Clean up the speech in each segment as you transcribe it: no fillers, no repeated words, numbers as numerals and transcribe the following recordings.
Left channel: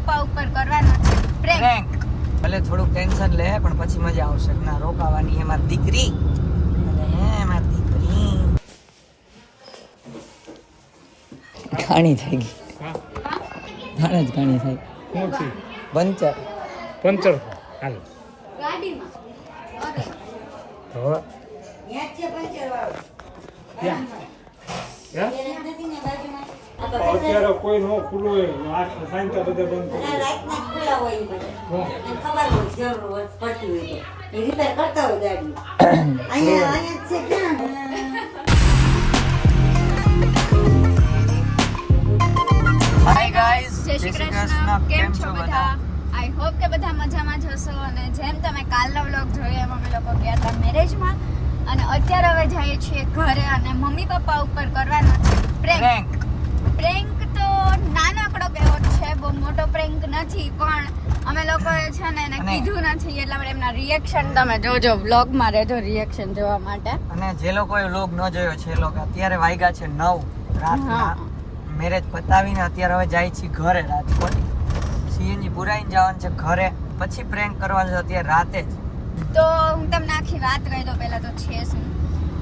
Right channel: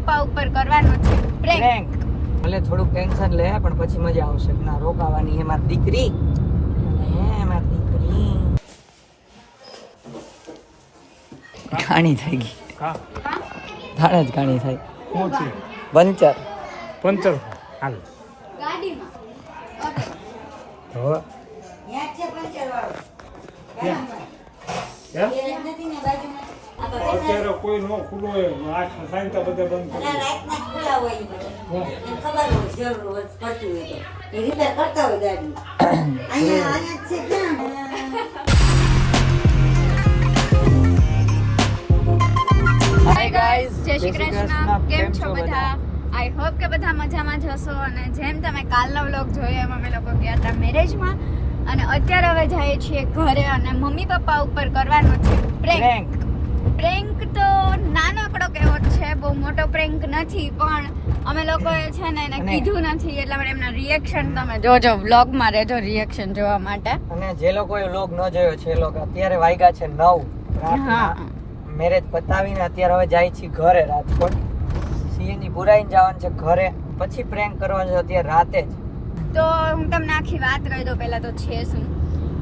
પપ્પા ઉપર કરવાનો છે પ્રેન્ક. ભલે થોડુંક ટેન્શન લે પણ પછી મજા આવશે. ના રોકાવાની એ મારી દીકરી ઘાણી થઈ ગઈ. ઘાણા જ ઘાણી થાય. પંચર હાલ ગાડીમાં અત્યારે કોઈ નો ખુલ્લો હોય આ સાયન્તા બધા બંધ કરી રાતના ખુલ્લા હોય એ બધા ખબર હોય જરૂર પડતી હોય તો એ રિપેર કરતા હોય ગાડી અહીંયા છે ક્યાં જય શ્રી કૃષ્ણ. કેમ છો બધા? આઈ હોપ કે બધા મજામાં જ હશો. અને જેમ તમે કાલનો વ્લોગ જોયો એમ અમે લોકો ગયા હતા મેરેજમાં અને અત્યારે હવે જઈએ છીએ ઘરે અને મમ્મી પપ્પા ઉપર કરવાનો છે પ્રેન્ક. પ્રેન્ક તો નાનકડો કેવો છે, બહુ મોટો પ્રેન્ક નથી, પણ અમે લોકોએ છે ને એને કીધું નથી એટલા માટે એમના રિએક્શન તમે જોજો. વ્લોગમાં રહેજો રિએક્શન જોવા માટે. અને જે લોકોએ વ્લોગ ન જોયો છે એ લોકો અત્યારે વાગ્યા છે 9 રાતના. મેરેજ પતાવીને અત્યારે હવે જાય છે ઘરે રાજકોટ. સીએનજી પુરાઈને જવાનું છે ઘરે, પછી પ્રેન્ક કરવાનું છે અત્યારે રાતે જ. તો હું તમને આખી વાત કહી દઉં. પહેલા તો છે શું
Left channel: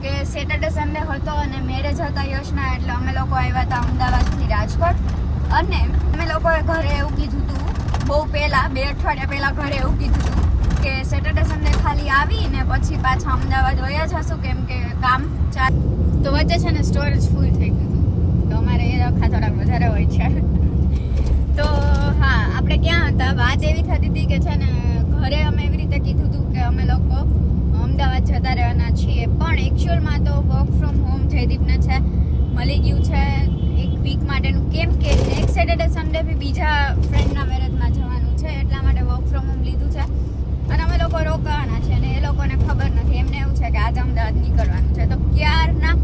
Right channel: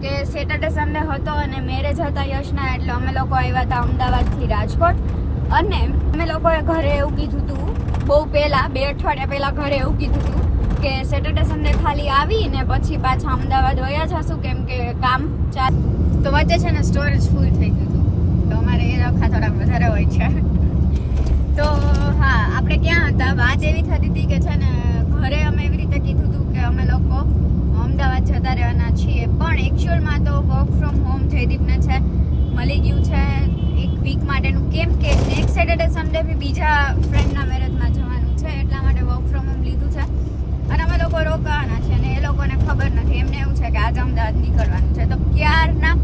કે સેટરડે સન્ડે હતો અને મેરેજ હતા યશના, એટલે અમે લોકો આવ્યા હતા અમદાવાદથી રાજકોટ. અને અમે લોકોએ ઘરે એવું કીધું હતું બહુ પહેલા, 2 અઠવાડિયા પહેલા ઘરે એવું કીધું હતું કે સેટરડે સન્ડે ખાલી આવીને પછી પાછા અમદાવાદ વયા જશું કેમ કે કામ ચાલુ. તો વચ્ચે છે ને સ્ટોરેજ ફૂલ થઈ ગયું હતું, તો અમારે એ રખા થોડાક વધારે હોય છે. તો હા, આપણે ક્યાં હતા, વાત એવી થતી હતી કે છે ને ઘરે અમે એવી રીતે કીધું હતું કે અમે લોકો અમદાવાદ જતા રહેવાના છીએ, પણ એકચ્યુઅલમાં તો વર્ક ફ્રોમ હોમ જયદીપને છે મળી ગયું છે 1 વીક માટેનું, કેમ કે નેક્સ્ટ સેટરડે સન્ડે બી બીજા ફ્રેન્ડના મેરેજમાં જવાનું છે, એટલા માટે વર્ક ફ્રોમ હોમ લીધું છે. અને અમે લોકો રોકાવાના છે અને એ લોકોને ખબર નથી, એમને એવું છે કે આજે અમદાવાદ નીકળવાનું છે. તો ક્યારના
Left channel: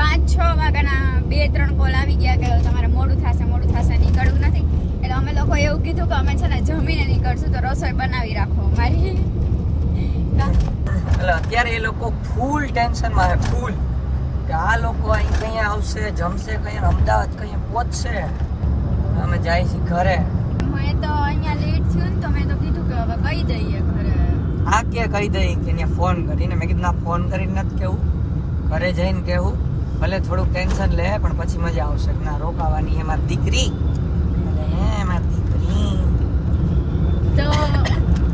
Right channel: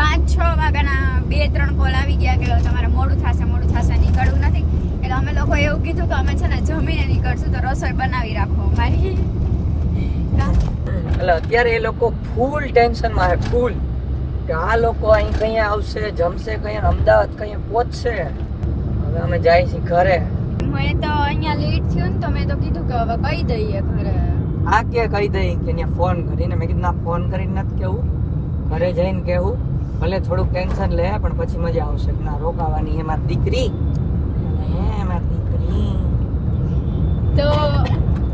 5-6 વાગ્યાના 2-3 કોલ આવી ગયા કે તમારે મોડું થશે નીકળવું નથી. એટલે અમે લોકો એવું કીધું કે અમે છે ને જમીને નીકળશું, તો રસોઈ બનાવી રાખો અમારી. એટલે અત્યારે એ લોકો ફૂલ ટેન્શનમાં છે, ફૂલ કે આ લોકો અહીં કઈ આવશે, જમશે કઈ, અમદાવાદ કઈ પહોંચશે. હવે અમે જાય છીએ ઘરે. મેં તો અહીંયા લેટ થયું ને તો મેં તો કીધું કે હવે કહી દઈએ ઘરે. આ કે કહી દઈએ કે ત્યાં ફોન કરીને. મેં કીધું ના, ફોન કરીને નથી કેવું, ઘરે જઈને કેવું. ભલે થોડુંક ટેન્શન લે પણ પછી મજા આવશે. ના રોકાવાની એ મારી દીકરી તો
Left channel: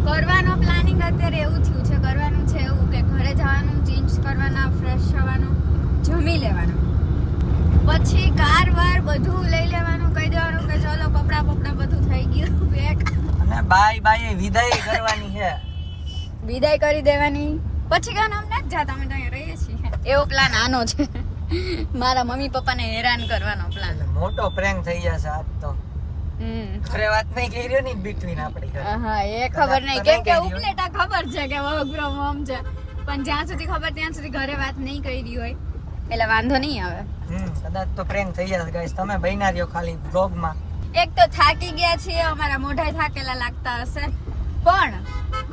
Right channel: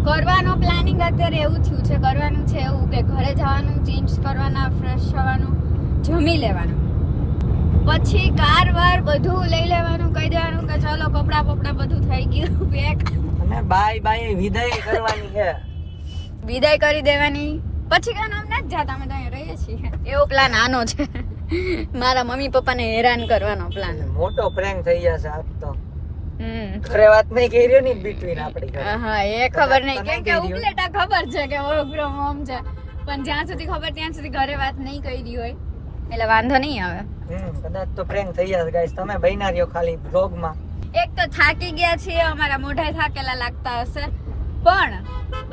કરવાનો પ્લાનિંગ અત્યારે એવું થયું છે, કરવાનું છે એવું કે ઘરે જવાનું, ચેન્જ કરવાના, ફ્રેશ થવાનું, જમી લેવાનું, પછી કાર વાર બધું લઈ લેવાનું, કહી દેવાનું કે ચલો કપડા બધું થઈ ગયું પેક, અને બાય વિદાય કરવાની છે. વિદાય કરી દેવાની. પછી ગામ આમ નથી જાતા, અમે તો અહીં રહીએ છીએ. એવો પ્લાન આનો છે, મારા મમ્મી પપ્પાને હેરાન કરવાનો પ્લાન. મોટો પ્રેન્ક થઈ જશે આજ તો. ઘરે વાત નહીં કરી ને બિટવીન આપણી ઘરે. હા, એ ખબર નહીં, કેમ કે ઉપલેટા ખબર છે કે વર્ક ફ્રોમ હોમ છે, પણ જ્યાં સુધી ખબર ત્યાં સુધી ઘરે વાત નહીં કરી હોય એટલે વાંધો નહીં આવે. કદાચ તો પ્રેન્ક થઈ જશે ગાઈસ. તમે બન્યા રહ્યો ખાલી વ્લોગમાં. એક તો થાકી ગયા છીએ, અમારા મોઢા થાકેલા લાગતા હશે, પણ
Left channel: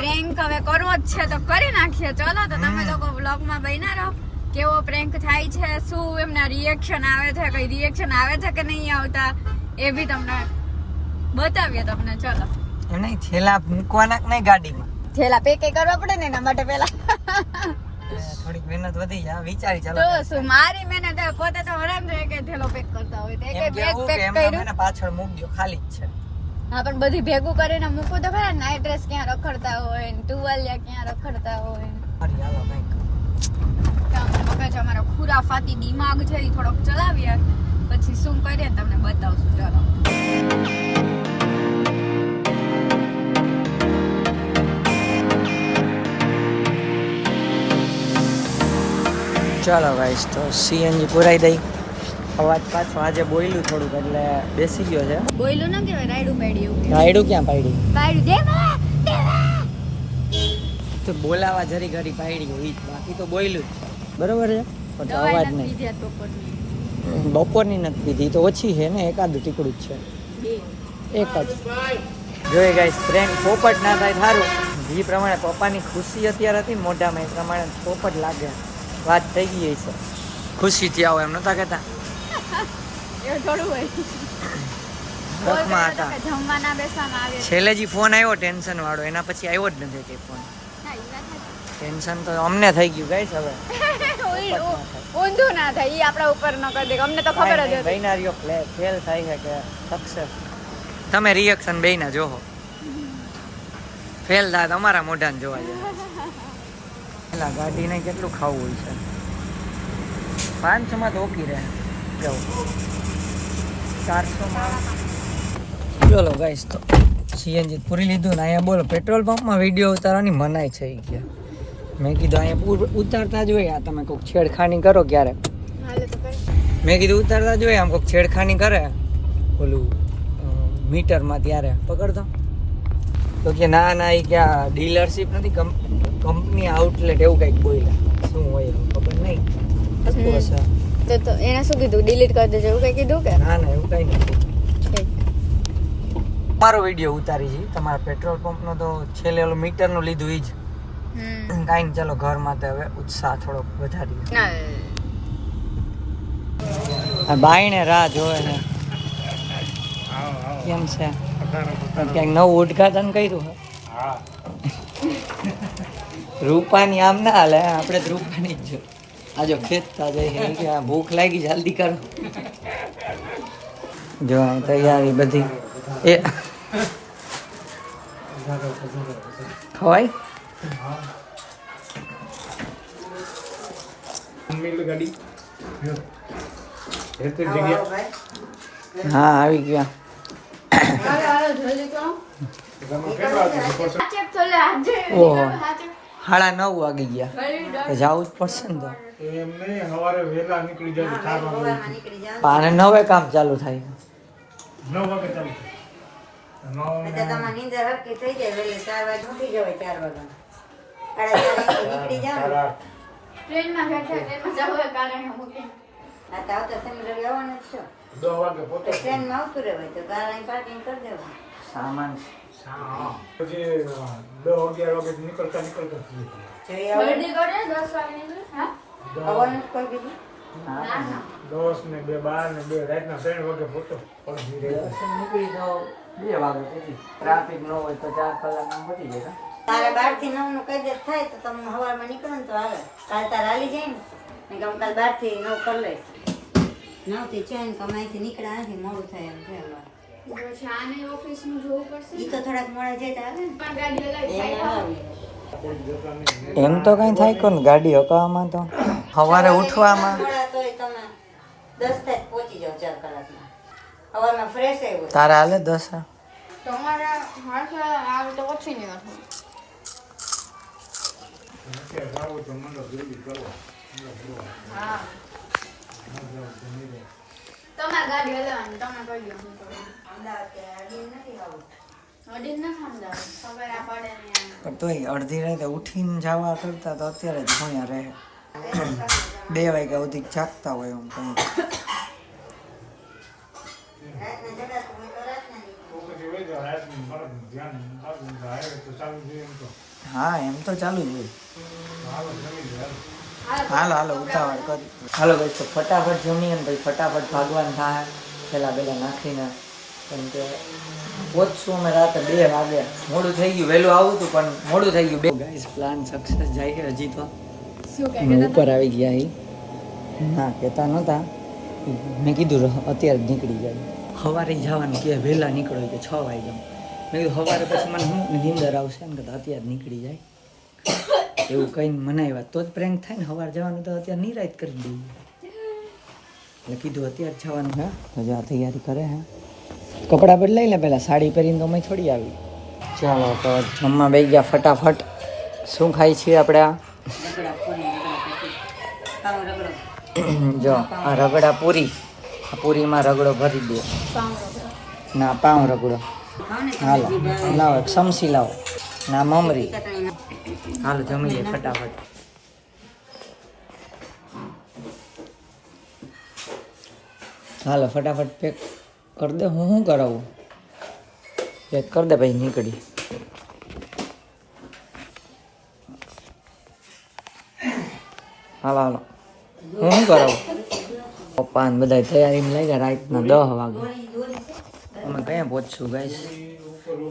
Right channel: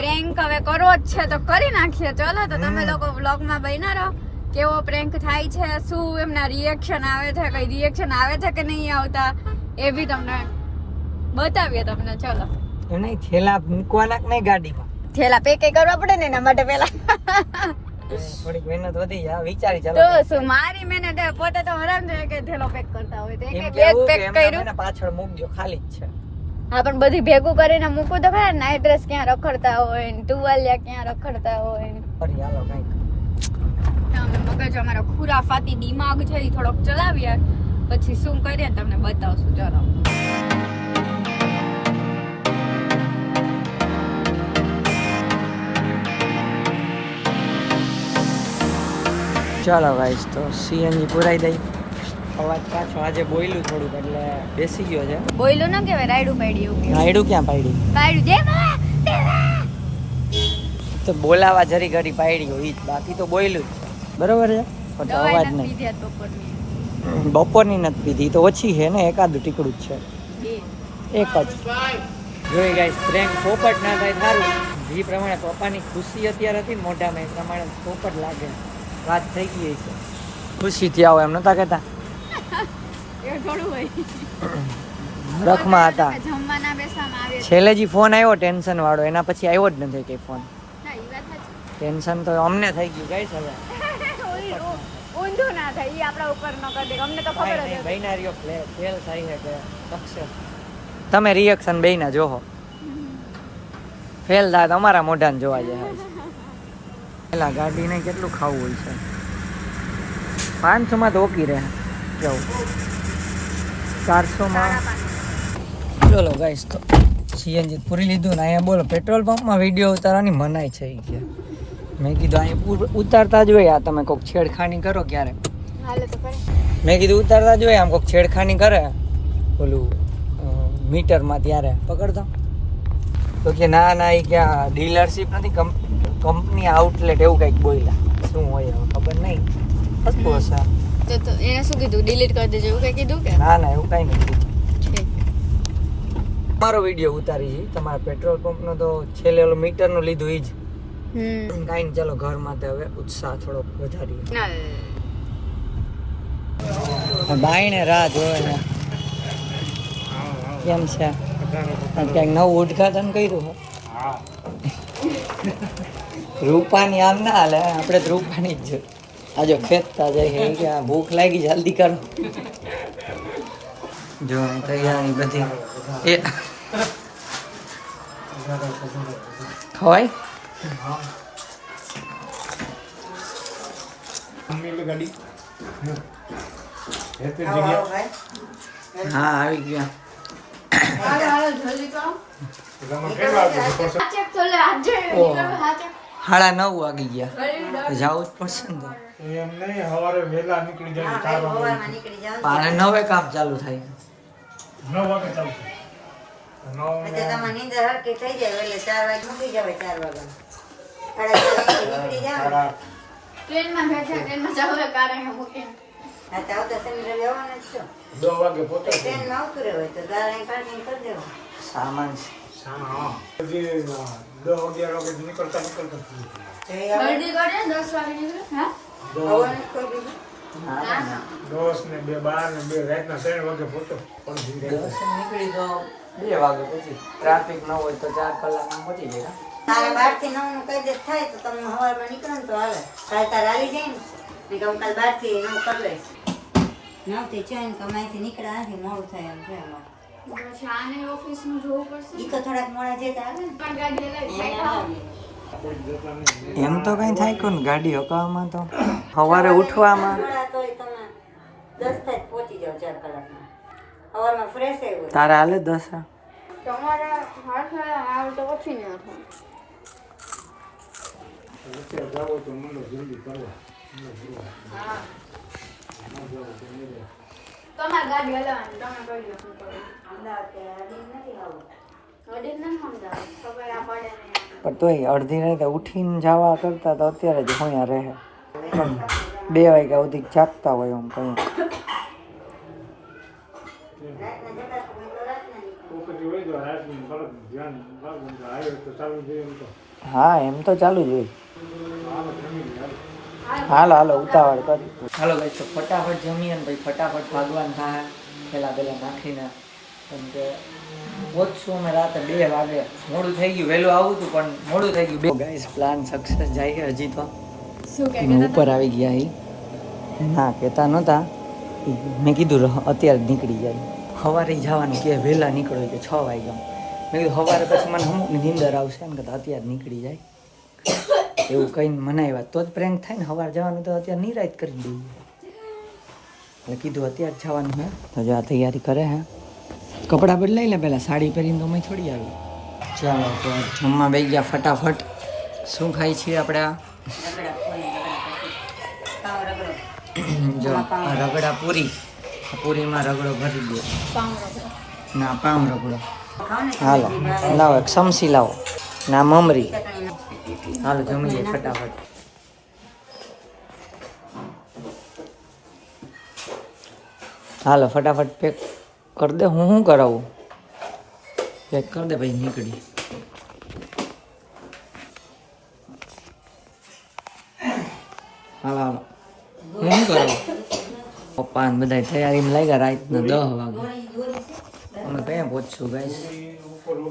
પ્રેન્ક હવે કરવો જ છે તો કરી નાખીએ. ચલો તો તમે લોકો વ્લોગમાં બન્યા રહો. કેવો પ્રેન્ક થાય છે, શું એમના રિએક્શન આવે છે, કઈ રિએક્શન આવે છે કે નહીં આવતા, એ બી તમને બતાવીએ તમને. ચલો એમ નહીં, થેલા મૂકવાના નહીં ગાડીમાં, થેલા પેક કરવા પડે ને એના માટે પહેલા થોડીક મહેનત વધી જાય. વિચારી ચાલો તો શું મારી મહેનત પોતે તો હરામ છે કે થેલો પેક કરતા હોય, તે કે એમ બેગ કેવું પેક કે એમને કર્યું. મને પાછળ મૂકજો, ખાલી જ છે. હા, પણ બધી ભેગું કરીને મૂકું તો ખરા. નાઈટ ડ્રેસ ક્યાં રખડતા હોય, ટુવાલિયા ક્યાં રખડતા હોય. ફરી હાલો કંઈક. મગજ અમારો ખુરાફાતી દિમાગ છે એ થોડોક ચલાવ્યા, પછી શું કરીએ તમને બતાવશું. ચાલો ચાલો ગાઈસ, તો સીએનજી પુરાઈ દઈ. અવાજ પાછો આજે બોયલું થોડુંક એટલે બેસી ગયો છે. બોયલું ના કહેવાય, રાયડું પાડી એવું. રાયડું ક્યાં પાડી? રાયડું દેવા તો બોલાવા જરી ઘડી પાડી હોય, બાકી તો બોયલું જ છે. બરોબર છે, પણ તો અવાજ નહીં. બપોરની નથી પીધી, તો ઓછી છે ને, એકાદું ટીકડું જ છે, એક જ. જોઈએ ગાઈસ, ફ્રેન્ડ પોપટ ના થાય સારું. જે પ્રમાણે પપ્પાની ખુશી અત્યારે હતી મોઢામાં, એ પ્રમાણે પોપટ લાગે. વાત થઈ ગઈ છે, ખુશીથી આવો એમ નતા કહેતા. વખમાં હતા. જમવાના બેસવામાં આવે છે. છેલ્લે જે ફોન આવ્યો ટેન્શન વાળો એના પછી આવ્યો જ નથી કઈ ફોન. ના, ઈ વાત સાચી. ટેન્શન તો અમને થઈ ગયું ગાઈસ હવે. ઊંધું ના થાય ઈ આપણા ઉપર ન કરી દે. અમને તો ખબર જ હતી. બૈનારીઓ ફેલ થાય છે કે સક્સેસ. તમે રિએક્શન બેયના જોહો. ફેલ થાય અમારા મોઢાને જોવા જાય. પેલા ગાડીને કેટલું ખાવું હોય છે. 500 માં તો ઓકી રહે. જાઉં 400 માં. ચલો ગાઈસ તો સીએનજી પૂરી લીધું ને અહીંયા બોલો પેટ્રોલ પંપમાં વિડીયો ઉતારવાની મનાઈ છે ઈ કે. મેં કીધું અહીંયા ઉતારતા જ હોય આ તમે કોઈક છેડખાની કરો ક્યારે. હાલે તો કરે. મેં કીધું ઉતારતા જ હોય આમ કોઈક છેડખાની કરે ઓલું મીટરમાં ત્યારે પકડતો તો કે ના ના એ ક્યાં ડીલરશીપ નથી કંપની આઉટલેટ એવું કંઈક બોલ્યા શું હોય એવું ખબર નહીં. તો એને શું કીધું ડિલીટ કરી દેજો એવું કઈ કીધું કે ના ના એવું કંઈ નથી. ઠીક. તમારો વિડીયો ઉતારી છે તમારા પેટ્રોલ પંપનો તો છેલ્લે ઓલું મીટરનું લીધું ઈ જ કાંઈ નહીં. ચલો ઘરમાં તો હવે ઉત્સાહ થોડોક વધારીએ. બાઈને રાહ જોવે છે કેમ છે ક્યાંક નવું ઉદઘાટન કર્યું હે. રૂપાની આમ ના હાલે આપણે તો રૂપાની જ છે. આજો ખેંચતા જાય કે ભૂખ લાગી જલ્દી કરો. જો તૈયારી બધી એ ખવાય. હા આવી ગયા. સાડા 9 વાગી ગયા તો જવું જ પડશે ને તો. એમ નહીં સવારે વહેલા નીકળી જાય 4 વાગે. નીકળી જાવ પાણે 9 કામ ચાલુ થાય. 9 વાગે ચાલુ થાય. એટલે તમારે નીંદર હરકી થઈ જાય એટલે 4 વાગે મૂકી જવાય 4 વાગે. નીકળી જાવ. ટ્રેનમાં બેઠા ટ્રેનમાં જાવ ગાડી મૂકીને. આ તો આવતા શનિ રવિ આવવાના જ છો. 10 વાગે પોતે ટ્રેનમાં આવતું રહે તો તારે અહીં પાર્કિંગ કરી દેવું. સામાન જે 10 11 વાગે નીકળતા થઈ જાય. જલ્દી કરે 10 વાગે નીકળે. હા આવવાનું જ કોઈ બીજું? 10 ને 2 12 ને 2 રાતના 3 વાગે પોતે પડી જાય. નીકળી જાઓ 2 વાગે પછી ટ્રાફિક ન હોય તો 4 કલાકમાં પહોંચી જાય. તારે 12 થી 9 નું કઈ થાય તો તમને સવારમાં નીકળો ને તો હાલે. કાલ તારે હાલી જાય ને કે હું કાલ 12 થી 9 કરી લઈશ. 9 થી 4 તો અહીંથી નીકળ્યા નથી મોડું થાય એમ છે અમારે. પછી આને ઓફિસનું જોવું પડશે. ઈ તો થોડાક મોડા જાય તો હાલે ને. પણ ગાડી લઈ એને હાલે. એમ તો કઈ થાય કોણ ગાડી હકાવવામાં તો સવારે ઉઠવામાં મોડા તોય તમે 10 થાય પહોંચી જાવ 4 કલાકમાં. સવારમાં ફ્રેશ આવ્યું. તારે હાલે 10. તમારે હર્ષ મારું તો પછી નહીં હતું. અત્યારે જાઓ તો મંડળ જલ્દી કરવા. હા તમારે ગાડી હલાવવાની તમે કહી દો શું કરવું. અમદાવાદ કે હાલી નથી આવું. વડીલ ના સમજાવો ખબર આ પડે ને. પણ તોય અડધી રાતે ઉઠીને જવા કરતા તો અત્યારે જ ભણ્યા રહે. 2 વાગ્યા સુધી જાગતા હોય એમ કંઈ. રાતના જતા તો કોઈ તો રાતના નીકળે. તો પછી વહી જાઓ. રાતનું બરાબર ધ્યાન રાખવું. હાઈવે તો ચાલુ જોઈએ એમ તો. હા એમ તો ચાલુ જ હોય. હાલો જમી લે. હાલો હાલો ઉતાવળ કરી. હાલો ભાઈ તો ફટાફટ જમીએ ને ભાઈ ફટાફટ ભાગવાન થાય પેલા નાખીને. કેમ કે પહોંચશું અમે રાતે 2 વાગે. મોડું થઈ ગયું વહેલું આવું હતું પણ મોડું થઈ ગયું. ગાઈસ પ્લાન સક્સેસ જાય છે હજી તો. શું અમે ઉપર આવી ગયા એ ના કહેતા નહોતા. મેં કીધું અત્યારે જ નીકળી જાય. સવારે જવાનું કે વહેલા નીકળો કે 6 વાગ્યા. મેં કીધું સવારે પછી મને અમુકની નીંદર આવશે ને કે અત્યારે નીકળી જાય એવું કહીને મનાવ્યા તો જ પ્રેન્ક થાય ને. સવારે જવાનું તો અત્યારે નિરાત કરી દઈએ એટલે કીધું અત્યારે જવાનું હે તો જો આ તૈયારી કરે હે. કપડાં બદલાઈ લે પહેલાં સાડી પહેરીને તો અમે થોડી આવી. ચાલો તો જમવા બેસી ગયા ફટાફટ. શું ખાઈ છીએ આપણે આ રગડા પૂરી રગડા પછી પાવ રગડો. જો આ રગડા પૂરી. પૂરીમાં રગડો ભરી દે. ના પાઉં રગડો. હાલો લાવો એક સમસી લાવો ના મમરી. હાલો જમીએ ફટાફટ. હાલો ફટાફટ પેક કરી દે. હું શું કરાવું પેક કરી દે ભાઈ નીકળી. હાલો હાલો હું શું કરાવું. પપ્પા ને બધા તૈયારીમાં લાગ્યા રાતના 10 વાગે. અમે કયા પહોંચશું ગાઈસ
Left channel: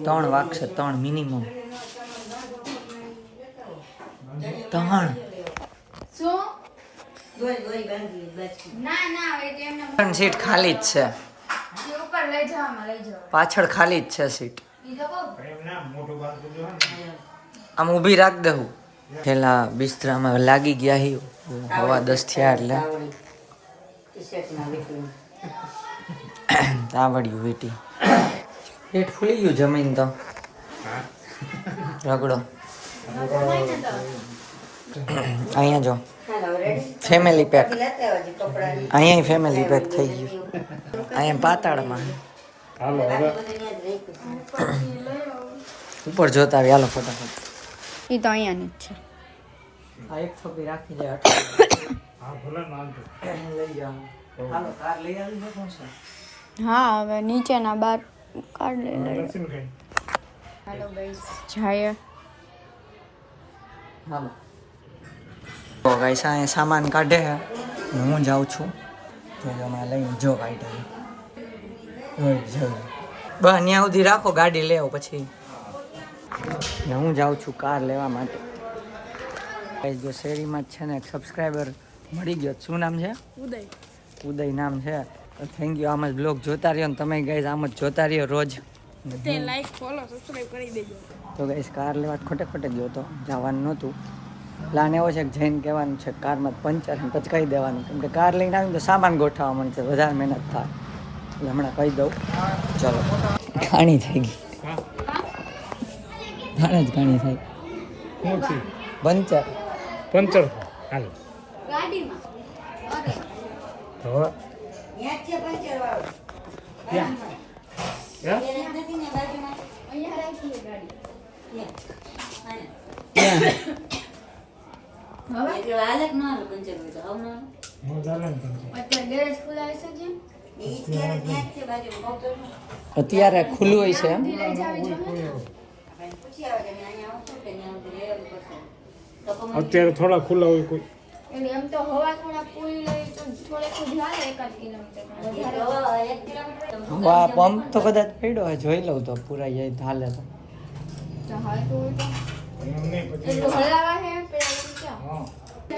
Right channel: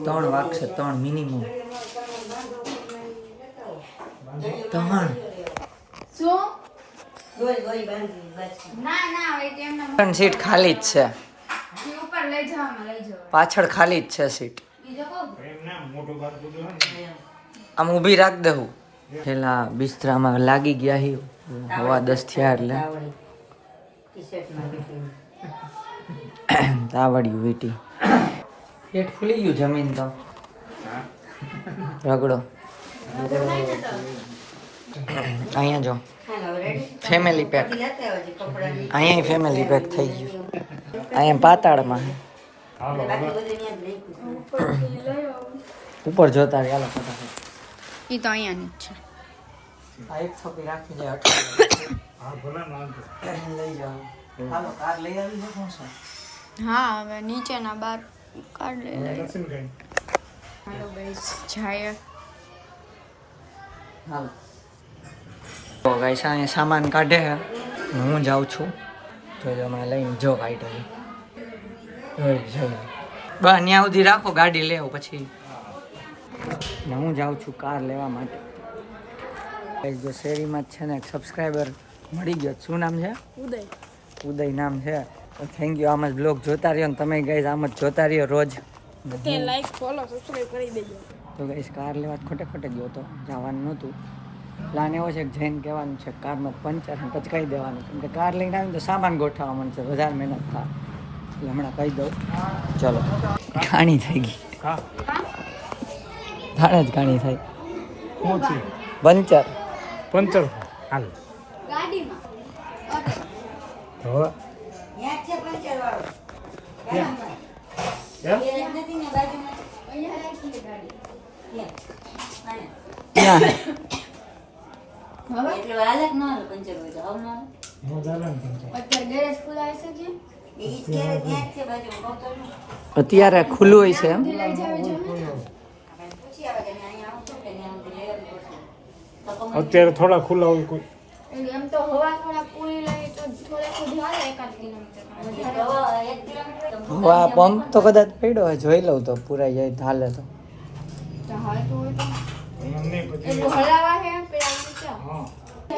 3 વાગશે 3 મિનિમમ 3 શું ગોળી બાંધી બસ. ના ના હવે તેમના પણ સીટ ખાલી જ છે જે ઉપર લઈ જવામાં લઈ જાવ પાછળ ખાલી જ છે સીટ બીજો કહું એમ ના મોટું વાત બધું હે ને. આમ ઊભી રાખ દઉં પેલા બિસ્તરામાં લાગી ગયા હી હવા 10 થયા એટલે ટી-શર્ટમાં વીટી. તાવડ્યું વીટી પેટ ફૂલી ગયું જમીન તો રગડો અહીંયા જો હાલો રેડી. ફેમિલી પેક લેતા આવજો કપડાની. અહીંયા ફેમિલી પેક થઈ ગયું અહીંયા પાતાળમાં હાલો હવે બાકી બધું ન્યા જ રાખ્યું. ઉપર જોતા આવી હાલો ફટાફટ ઈ તો અહીંયાની જ છે આ એક થોપી રાખી જાય હા ભલે નાખજો. લઈ જાઓ હાલો કાર લઈ આવી છે કોણ છે હા હવે નીચેના બાર કાઢ લઈ લઈએ નથી ને કઈ. હાલો ગાઈસ જાય હાલો તો ગાઈસ અહીંયા સામાન કાઢે છે ને હું જાઉં છું જોજો અમે લઈને જો કાઢે બસ ત્યાં સુધી રાખો ગાડી લેવો પછી ને હું જાઉં છું કાર લેવા માટે ગાઈસ જો શેરીમાં જ છે ને એક સબસ્ક્રાઈબર મળી ગયો શું નામ છે ઉદય ઉદય નામ છે તો થેન્ક યુ આમ જ બ્લોગ જોતા રહ્યો ને તમે ગાઈસ આમ જ જોતા રહ્યો રોજ તે લાઈક ફોલો સબસ્ક્રાઇબ કરી દેજો તો ગાઈસ કાર લેવા ખોટે ખોટે ગયો તો જવાનું નહોતું પ્લાન એવો છે કે જઈને કહેવાનું છે કારમાં પંચર છે પછી કહી દેવાનું કેમ કે કાર લઈને આવીને તો સામાન ગોઠવવા મળશે વધારે મહેનત થાય એટલે હમણાં કહી દઉં ચલો ઘાણી થઈ ગઈ હા ઘાણે જ ઘાણી થાય શું થયું? પંચર પંચર હાલ ગાડીમાં હવે ન્યા જ છે પંચરવાળો. ક્યાં? ક્યાં? એ નથી ને બાજુમાં. અહીંયા રાખીએ ગાડી ન્યા. આને. ક્યાં હવે એટલે હાલક ન હાલે પંચર હોય તો હવ ન હાલે. હું ચાલે ને પંચર. અત્યારે ગેરેજ ખુલ્લા હશે કે એ ઈ ક્યારે ત્યાં જ છે બાજુમાં કહું તો છું. અત્યારે ખુલ્લું હોય છે એમ લઈ જાવે છે પછી આવે કે અહીંયા આવું છું કે ત્યાં સુધી લેવાનું પડશે. તો કમાઈ અત્યારે થોડા ખુલ્લા હોય કોઈ એટલે એમ તો હવા થોડા પૂરી લઈ તો થોડે સુધી હાલે 1 કિલોમીટર જાય. તો 1 કિલોમીટર તો વાહ પંપ તો કદાચ પડ્યો હોય જોઈ લઉં તો પૂરા જાય તો હાલે તો હા તો હોય તો એમ નહીં પછી એટલું હલાવા હે પેલા બધું ક્યાં હા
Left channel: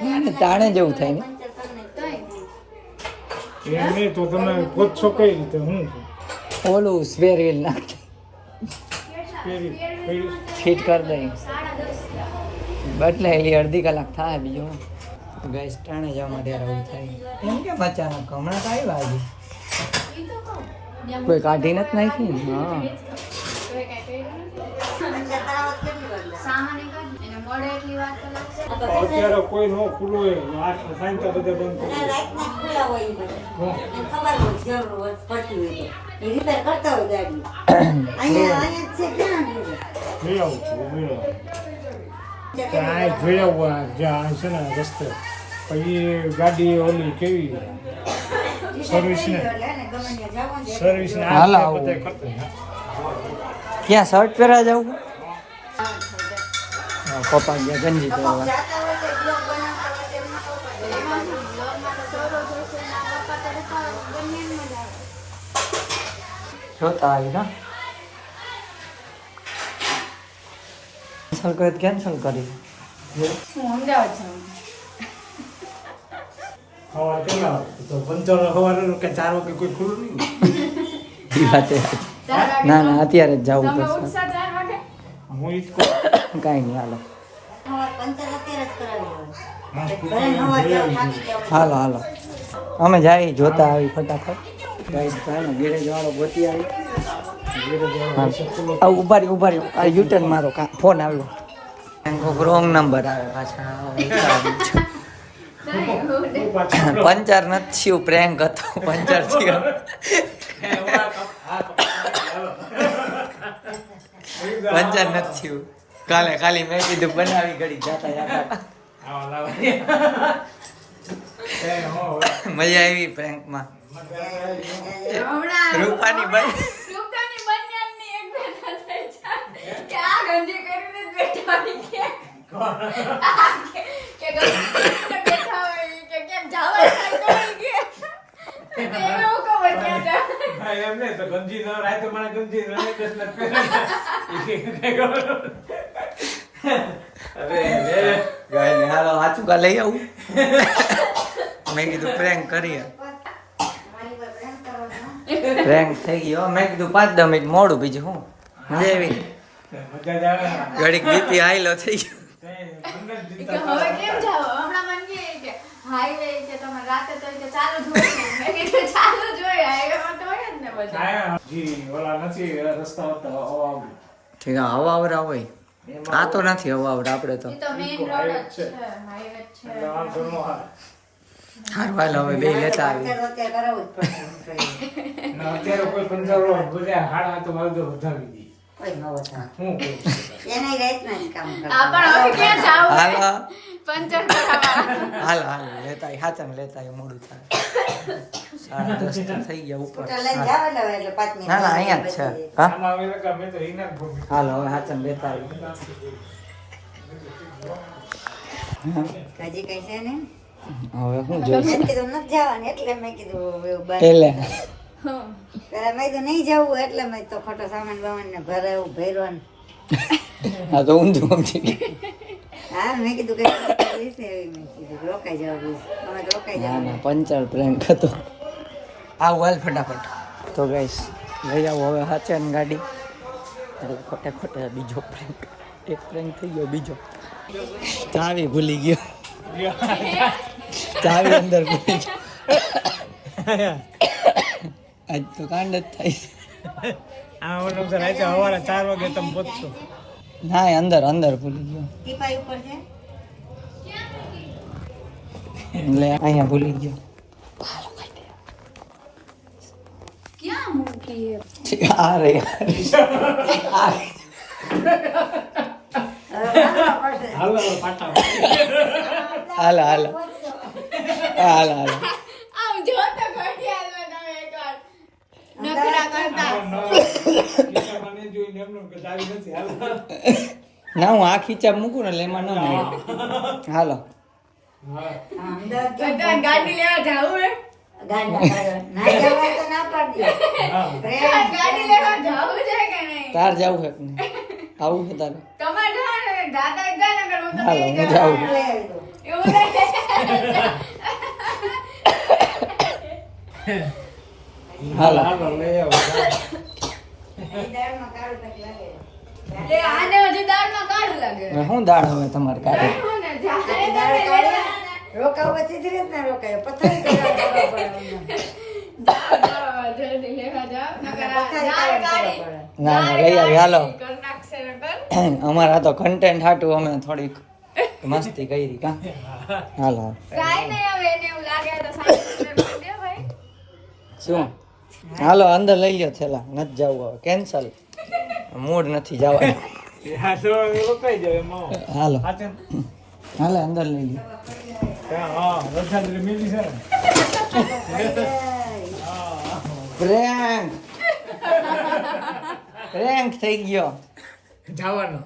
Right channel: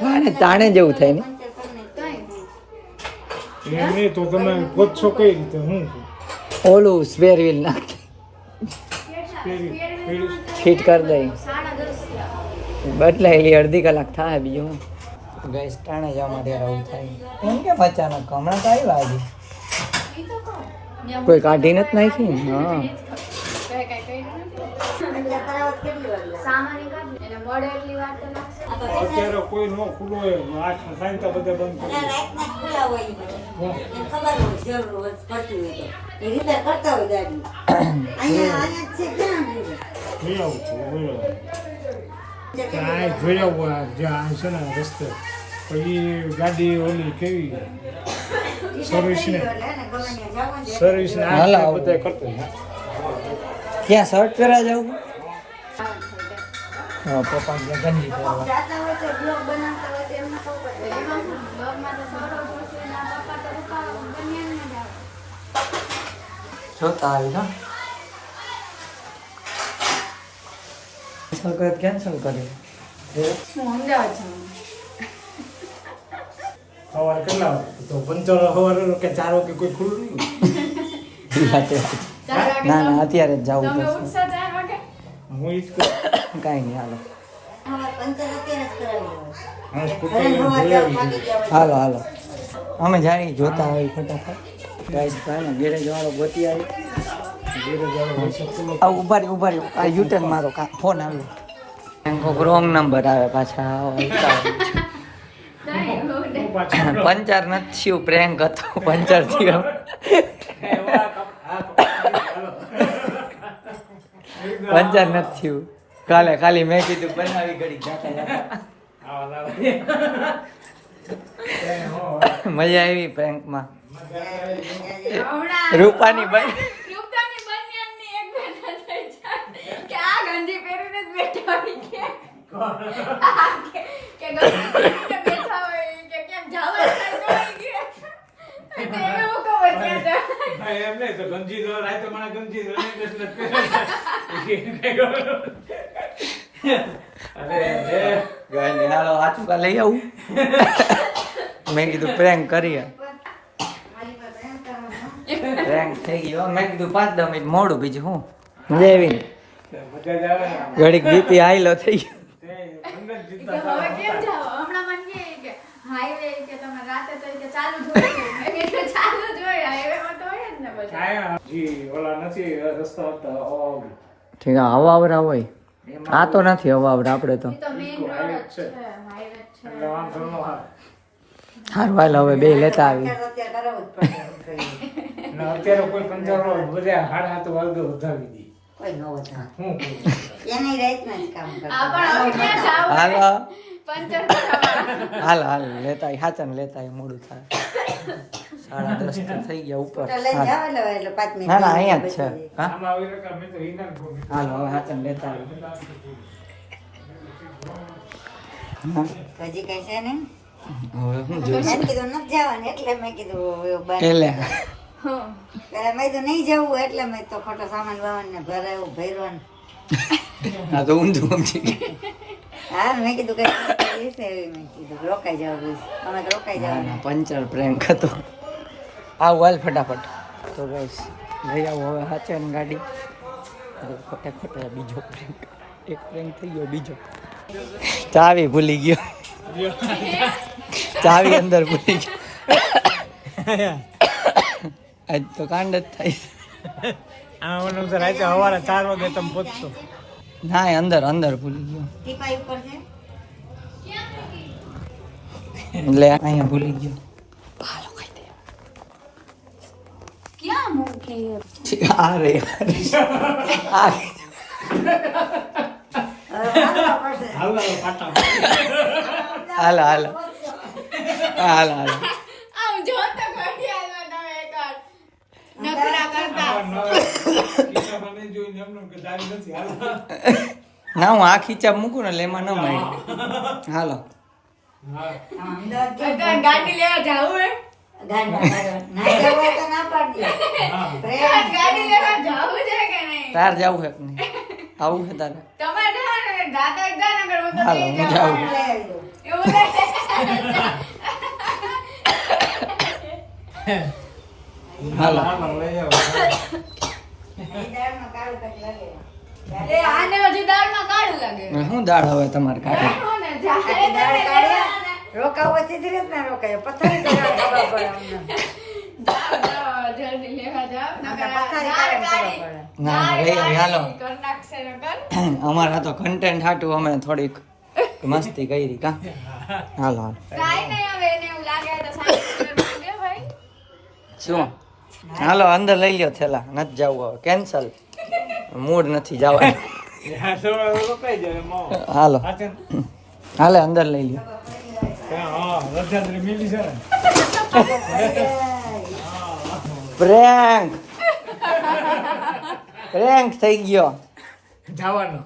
તાણે તાણે જેવું થાય ને એમ નહીં તો તમે પૂછશો કઈ રીતે હું છું? ઓલું સ્પેર વ્હીલ નાખ પેરી પેરી ફિટ કરી દઈ બદલાય અડધી કલાક થાય બીજું ગેસ ટાણે જવામાં ત્યારે આવું થાય એમ કેમ અચાનક હમણાં તો આવ્યા આજે કોઈ કાઢી નથી નાખી ને હા તરાવત કેટલી વાર લે? સામાન્ય કાઢ એને મળે એટલી વાર તો લાગશે અત્યારે કોઈ નો ખુલ્લું હોય આઠ સાઈન તો બધા બંધ અને કરી રાતના ખુલ્લા હોય એ બધા. હા. એને ખબર હોય જરૂર હોય પડતી હોય તો એ રિપેર કરતા હોય ગાડી અહીંયા જ છે ક્યાં છે? લઈ આવું છું લઈ આવું ત્યાં જોઈ આવું આ જ્યાં છે ને રસ્તે પછી ગાડી ઓલી કેવી સર્વિસ ને એટલે એને ગમે ત્યાં જવાનું છે. સર્વિસ ને હાલ આ આવું. બધા કરતા ક્યાં શર્ટ પહેરા જવું પપ્પા ગયા ગંજી પહેરવા જાતા હોય તો દીવો બનાવતા હોય તો એમ ન કરતા. એમાં શું બ્લોગમાં તો સૌરો જોશે ને આ પપ્પા તો રોકાવા બંને જ આવે જોતા આવી ના કેન્સલ કરી હું અમદાવાદ જાઉં સવારે કેટલા વાગે તો પંચર સવારે કે 4 વાગે કોઈ ખુલ્લું નહીં ઈ વાત છે. ના ના અત્યારે જ જવું તમે પડશે ઉઠશો 4 વાગે હું ઈ જ કહું કાંઈ નહીં હાલો અમારે પંચર અત્યારે જ કરાવી હોય. હા ઘરે સ્કૂટર ન હોય જોઈ ત્યારે આવી થાકી ગયા હોય. હાલો હાલો અમે જઈએ જોતા આવી ફટાફટ ગાઈસ તો ગેરેજ વાળો ગોતી આવી ઉભારી યુટર્ન મારે ફોન આવ્યો રોંગ નંબર આવે પાછા પંચર નથી થયું પ્રેન્ક હતો પંચર થયું પંચર નથી થયું કાલે ખાલી મેં કીધું બનાવી ઘડી જાતા જાતા મજા આવી પ્રેન્કમાં રૂપાની બાઈ રૂપતાની બંનેની એક બેઠા થઈ જાય કે આ ગંજી પહેરીને જ બેઠા હોય કે ગંજી પહેરીને બેઠા હોય કે કેમ જવા થાય તો હોય કે એવું ખબર કે એમ નહીં તો ગંજી ન રાય તો મને ગંજી રને દસ ગાય હાલો આચુકા લઈ આવું મેં કીધું પ્રેન્ક કરીએ પ્રેન્ક થઈ ગયો મેં કીધું 5-10 મિનિટ મોડું બીજું હું લેવી મજા જ આવે ને ઘડીક બીપી હાઈલો થઈ ગયો અંદર કે જીતા હવે કેમ જાવ હમણાં મને કહે કે હાઈવે કે તમે રાતે તો કે ચાલુ જ હોય મેં કીધું ચાલુ જ હોય હાઈવેમાં તો હોય જ ને બધા કાંઈ જી ઓલા નથી રસ્તા હતા અવાવ ઠીક છે હવાવરા હોય આ તો નથી હવાવરા આપણે તો ઈ તો મેઈન રોડ જ છે હાઈવે જ છે એટલે વાંધો ન આવે હારું હાલ હવે બે લેતા આવી અત્યારે કરાવવું જ પડે અને અત્યારે કોઈ કંટાળો બધા હાડા તો વાગ્યો ઉધાવી દી કોઈ ન હોય હું કહું એને રાતના જ કામ કરે આ પણ હવે ક્યાં જાવ હાલો પંચર કરાવવા હાલ હાલ લેતા આવી હાચન લેતા આવી મોડું થાય 10:30 તો થઈ ગયા ઉપર તો લઈ જાવ ને હવે એટલે 5 મિનિટ ના ના અહીંયા જ છે હા આમાં આવીને કે મેં તો હિંગણ ભોગી હાલો હવે હાચન લેતા આવી હજી કઈ છે ને હવે હું જોઈશ મેં કીધું નથી જવાનું એટલે મેં કીધું હવે બંધ. એટલે ત્યારે મેં કીધું નહીં જવું એટલે મેં તો ખોટો સામાન વામાન ને ભરાયું ભર્યું હા તો ઊંધું સમજી ગયું. હા મેં કીધું કઈ છે એવી મેં કીધું રોકાઈ જાવ બસ અમે તો રોકાઈ ના જાવ ના પંચર પ્રેન્ક હતો આવું હાલ ફટાફટ તો ગાઈસ લઈ આવો હવે હાચન ગાડી એટલે ખોટા ખોટા બીજો પ્રેન્ક એક પ્રેન્ક થઈ ગયો બીજો ચાવી ભૂલી ગયો ચાવી અંદર ભૂલી ગયો આજ તો કાંડ જ થાય આ ઓલો સર આજે સવારે 4 વાગે તમે પહોંચશો ના એ અંદર અંદર ભૂલી ગયો ટીપાઈ ઉપર છે એટલે અહીંયા ભૂલી ગયો ક્યાં મૂકી આ રે આ રે. હવે વાળવા પડશે. હાલો પાટા હાલો હાલો હાલો હાલો આમ જો તો ઘડિયાળમાં તમે એકવાર નખરા કરતા કિસ્સામાં નહીં જોઈને એમનું કે ચાવી નથી હાલો ના હું આ ખીચા મૂકું ને એટલે એમાં ન મળે હાલો હા હા, અમદાવાદ કેમ બધા ગાડી લેવા જાવું હે ગાડી ના જવું હોય તો ના પાડી દે. પ્રેમ. ગાડી લેવા જાવું છે કે નહીં તાર જવું છે કે નહીં આવું છે તારે તમારે જવાનું ને દાદા ગાનગર હું તો હાલો નહીં હું જાઉં જાઉં લઈ આવજો. એવું નહીં હાલો લઈ આવો અહીં દાળમાં કાળું કંઈક લાગે. એ આને હજુ દાળમાં કાળું લાગે શું દાળ હવે તમારે કાઢે હું ને જાહે દાળ તમે કાઢે. લેવાને. રોકાવાથી જ રીતના રોકાય પથારી કરવા જવા પડે અમને. જાઓ, જાઓ, જલ્દી લેવા જાઓ. નકર આ પથારી દાળ કરવા કાઢી. પડે. ના ના લઈ આવી હાલો કર નાખશે નકર. અમારા તો કન્ટેન્ટ હાટું અમે થોડીક મસ્તી કરી કા હાલો હાલો કાંઈ નહીં હવે એને એવું લાગે તો સાઈડ પર મૂકે ભાઈ. શું હાલો અંદર લઈ લ્યો થેલા નથી જવું હવે કેન્સલ મૂડ નથી જવાનું હા તો રોકાઈ જાય એમાં હાલો પાછળ હાલે અંદર લઈ લ્યો હા રથયાત્રી મિલી છે ને પ્રેન્ક પ્રેન્ક થઈ ગયો જવાનો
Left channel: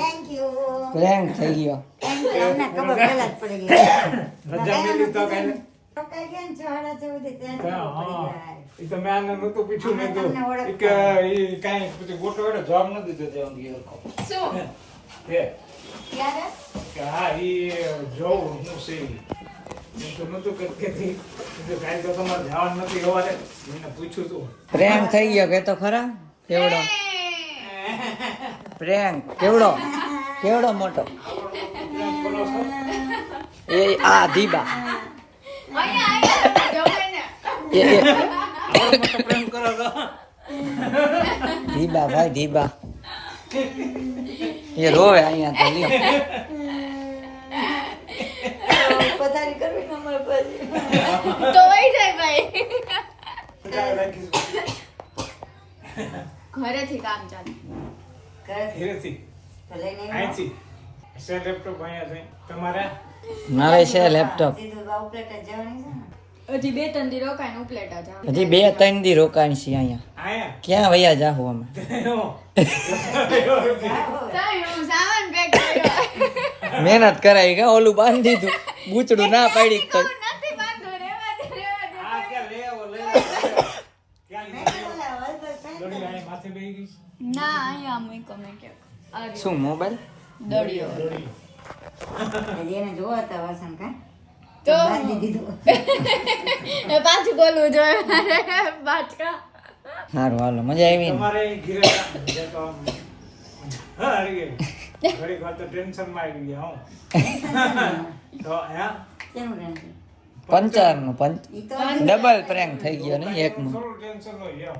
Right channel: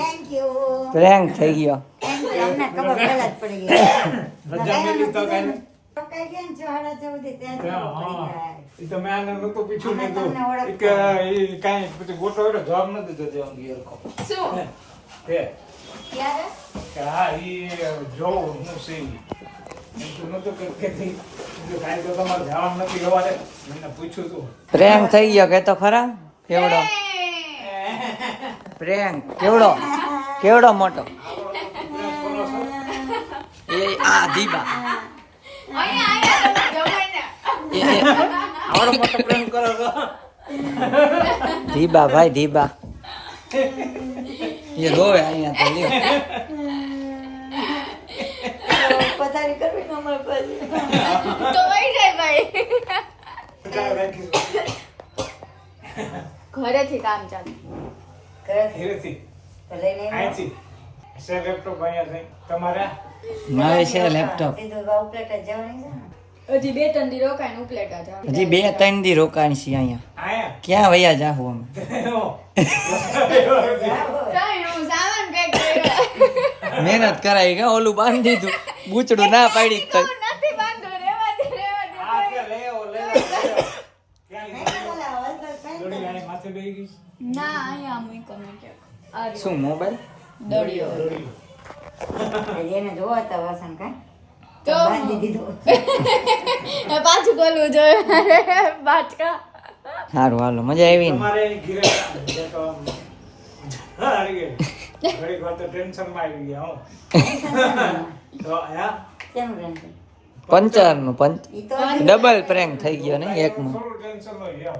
Thank you. પ્રેન્ક થઈ ગયો Thank you. અમને ખબર પહેલા જ પડી ગઈ. રજા મિલી તો કઈ રોકાઈ ગયા ને 6:30 ત્યાં જ ખબર હા પડી જાય. એ તો મેં આને નહોતું પૂછ્યું મેં તો તમને ઓળખતા. ઈ કે ઈ કાંઈ પછી ગોટો હોય જવાબ નથી દેતો દેવાનું ગયો શું? તે ક્યારે? કે હા ઈ જોઉં હું છે ઈ. એમ તો નહોતું કહેતી. કીધું કાંઈ તો તમારે જવાનું નથી સવારે મને પૂછ્યું તું પ્રેમ થઈ ગયો કે તો ખરા કેવડો પ્રેન્ક કેવડો કેવડો મોટો એ આ દીબા અહીંયા જવાય ને. એ આવડો મોટો પ્રેમ કરો છો ધીબા ભાઈ ધીબા એ રોવે અહીંયા તો લ્યો પથારી કરવી ને અમારે પછી. તો વહી જાય ભાઈ. ઘરેથી કામ ચાલે. ઘરેથી ઘરેથી તો લઈને આવ્યો. અહીંથી છે લેપટોપ અહીંયા છે તમારા નવે છે લેપટોપ સીધું બાઉ પ્લેટ જ જવાની છે ને. હજી 2-3 દી રોકાઈને ઉપલેટા જાવ. હજી 2-3 દી રોકાણ છીએ અહીંયા આયા ક્યાં વયા જાહું અમે ચાલ હું સામાન પેક કર્યો. મહેનત કરાવી કે ઓલું બાંધી દીધું બૂચડું ના પાડી તો નથી બાંધો રેવા દે રેવા દે. આ કે લઈ ઘડી આને માથે બેહી ગઈ ના અહીંયા મૂકો મેં ક્યાંક. આ રહ્યો. શું મોબાઈલ દળિયો. દોડી. એને જોવા હતા વાસણ કા તો બાંધી દીધું એ પાછું બોલવું જોઈએ મારે બાટકા. સારું હાલો મજા આવી ને તમારે ઘીરે જે તો આમ હારી ગઈ ઘડી વાર તો ટેન્શન માં આવી ગયા હું તો હે કેમ રહેશે પંચરનું ઈ તો ડબલ પ્રેન્ક થઈ ગયો ને એકમાં થોડું ટેન્શન હોય એમ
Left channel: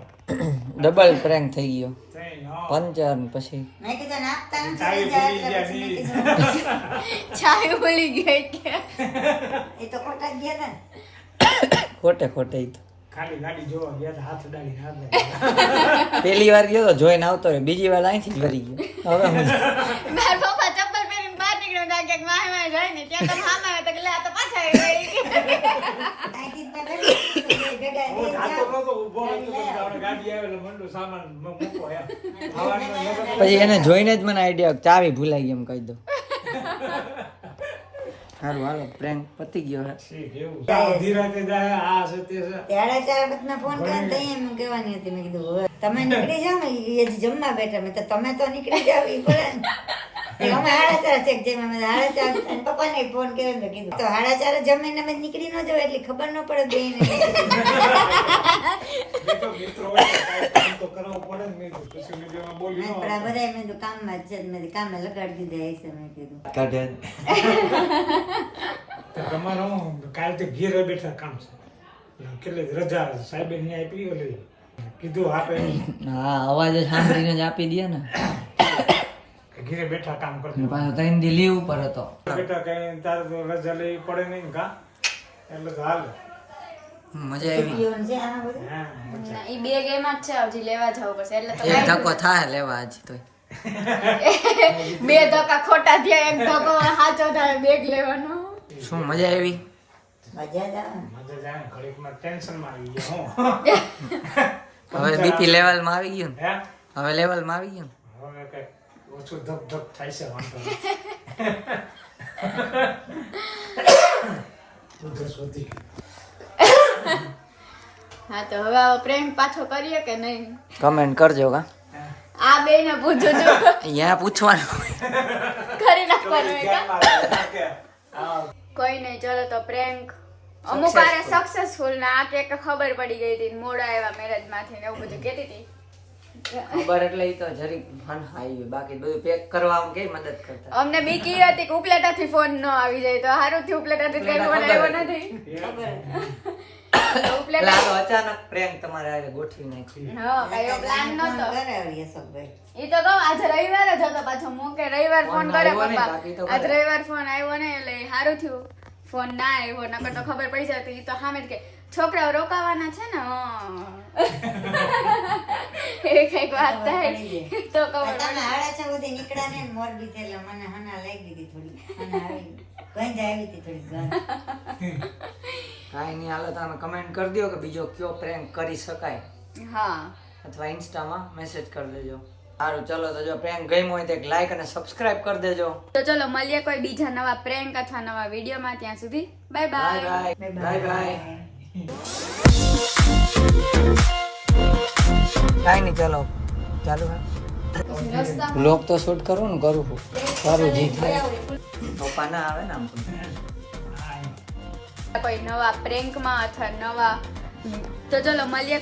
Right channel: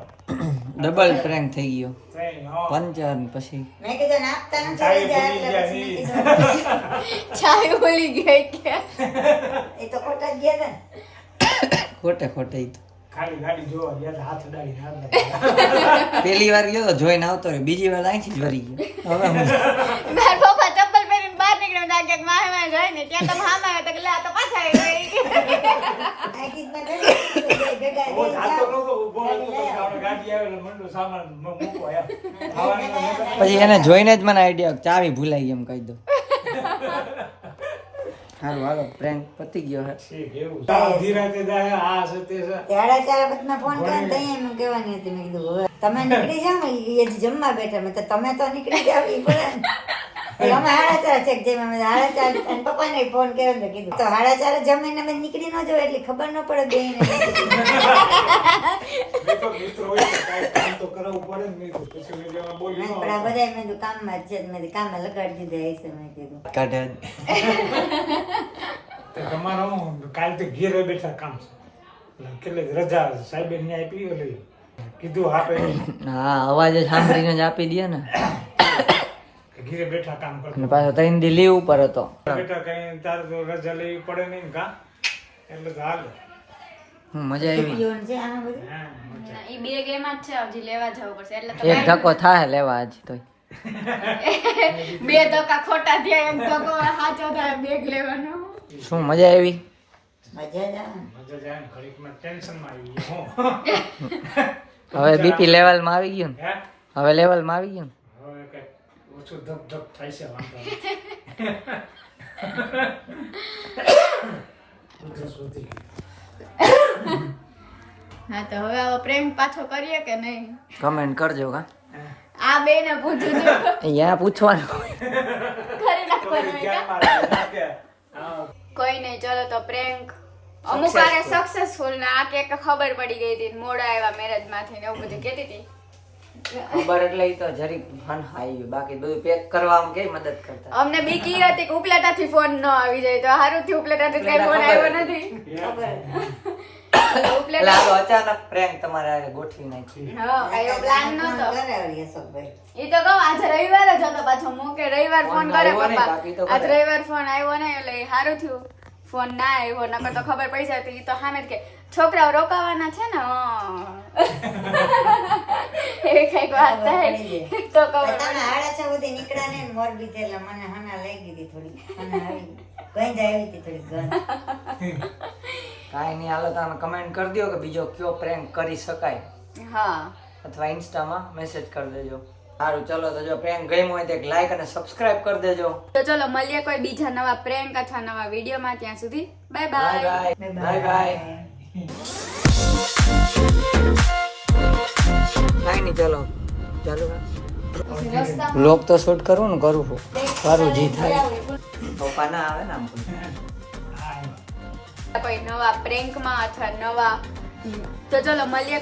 ડબલ પ્રેન્ક થઈ ગયો થઈ હા પંચર પછી મેં કીધું નાખતા નથી ચાવી રહી જાય ભૂલી એટલે ગયા પછી મેં ઈ. કીધું ચાય બોલી ગઈ કે એ તો ખોટા જ ગયા હતા ને ખોટે ખોટે ઈ તો ખાલી ગાડી જોવા ગયા હતા, હાથ અડાડીને હાથ લગાડ્યા. પેલી વાર ગયો તો જોઈને આવતો રહ્યો બીજી વાર અહીંથી જ વરી ગયો હવે હું મારા પપ્પા ચપ્પલ પહેરીને બહાર નીકળ્યો ત્યાં ક્યાંક માહે જાય ને ત્યાં તમે હામાં આવ્યો તો કે લે આ તો પાછા આવી ગઈ. અહીંથી જ મેં ધરી ગડા હું લઈ જાતો જાઓ. નહોતો, ઊભો નહોતો, ગાડી લઈ આવો. આપણે ગાડી આવે એટલે મંડો સામાન મૂકો એમ. ખાવાની તો નહોતો. પછી એને જોઈને જ મને આઈડિયા ચાવી ભૂલાઈ એમ કહી દો સારું હાલો પ્રેન્ક પતી ગયો હે ઠીક, એવું છે. ધીરેથી જાય, આ છે, તે છે. ત્યારે ચારે બધાને ફોન કરીને તઈ એમ કહેવાની હતી મેં કીધું હવે તમે નીકળી જાઓ ને ઈ હજી જમવા બેઠા મેં તો તમે તો નીકળી જાઓ ઈ બોલે ને. અમે 4:30 ચેક જેમ અમે 4:30 અને પપ્પાને ફોન કર્યો ને કીધું તો 4:30 જમીને અમે નીકળી ન જાવ એટલી ખબર ન પડે બેન મેં તો મિત્રો હોય તો કાંઈ કામ તો કરાવવું પડે ને. મેં કીધું, પછી મેં જેમાં બોલી ન પણ આ બધા મેં કીધું કામમાં જ છે મેં કીધું કામે લગાડી દીધા હશે મેં કીધું કાઢે તો તમારે હું કાલથી ઘેરે બેઠા કામ છે એટલે કેટલી રજા સાહેબે ન્યાય આપી એટલે કીધું આપે હા અવાજ જ સાંભળીને જ આપી દે ને કે ઘેરે બેઠા કામ અને કરતા પાછો 3 દી લીવ ઉપર હતો બેઠા કઈ તારે તો રજા લેવી પડે નહીં કા એટલે તો હાલે. મજા આવી પીઓન છે આના બધું હા, મજા. ઈ બે ગેમ જ છે હજી લેવા જવું પડશે એટલે તો એક ધક્કો થાય લેવા આજ તો બે ધક્કા ખોટા થયા એક ધક્કો સાચો થાય બેગ લેવાનો. શું મજા આવી મજા જ આવે ને. મજા જાય ને, ઘડીકમાં ટેન્શનમાં આવી ગયા હું હવે બીપી લેવલમાં આવી ગયું ને હે હવે લેવલમાં આવી ગયું હવે કઈ ઓછું ધપ ધપ થાય છે વાંધો નહીં. ઉધરસ વધી ગઈ. હા તો હવે આવો પ્રેન્ક પાછો કરીએ કે નહીં કમેન્ટ કરજો કા આ બે ને પૂછું છું અહીંયા પૂછવાનું કરી નાખવાનું હોય કા? હા, કોઈ નહીં ચલો તો પ્રેન્ક અમુક વારે સક્સેસફુલ ને આ કે ખબર પડી ગઈ હતી મોડા આવ્યા મેરેજ માંથી ને એવું બધું કહેતી હતી. ખબર એટલે ઈ તો જરીક ફન આવી બાકી બધું પેક કરવામાં કઈ મદદ કરતા અમને બીક ઈ હતી કે ઉપલેટાથી ફોન ન આવી જાય તો હારું થી ઉપલેટાથી કઈ ફોન આવ્યો નથી ખબર એટલે ઉપલેટા આ તો અચાનક પ્રેન્ક તમારે હારે ગોઠવી નાખી હા કઈ એવો પ્લાન નતો કરાવી અશોકભાઈ ઈ તો કહું આજે રવિવાર જ હતો પાછો મૂકે રવિવાર ફોન ફોન કરે આવ્યો નહીં, પપ્પા બાકી તો આજ કરે. રવિવાર ફોન આવ્યો નહીં એટલે સારું થયું ફોન ના આવ્યો નકર તો ખબર પડી જતી ઈ તો સામે જ કે છોકરાઓ રોકાવાના છે ને એ કઈક વાત થાય તો ખબર તમે 6:30 સુધી નીકળ્યા ને મોરબી થી એટલે મને હના લઈ ગઈ થોડી હના આવી ગંજ આવી હતી થોડી ગંજ કાંઈ નહીં હાલો તમે કમેન્ટ કરી દો કે બીજો કયો પ્રેન્ક કરી શકાય હા અથવા ઇન્સ્ટામાં મેસેજ કરી દેજો સારું ચલો તો જો પ્રેન્ક ગમ્યો હોય તો એક લાઈક અને સબસ્ક્રાઇબ કરી દેજો તો ચલો મળીએ કોઈ બીજા નવા પ્રેન્ક અથવા નવા વિડીયોમાં ત્યાં સુધી bye bye bye bye bye bye કાંઈ નહીં ચલો ચાલુ બ્લોગ તો શૂટ કરું ને કરું છું સારું જી પપ્પા ના આવે ને આમ કોઈ નવા પ્રેન્કમાં અથવા નવા તો ચલો મળીએ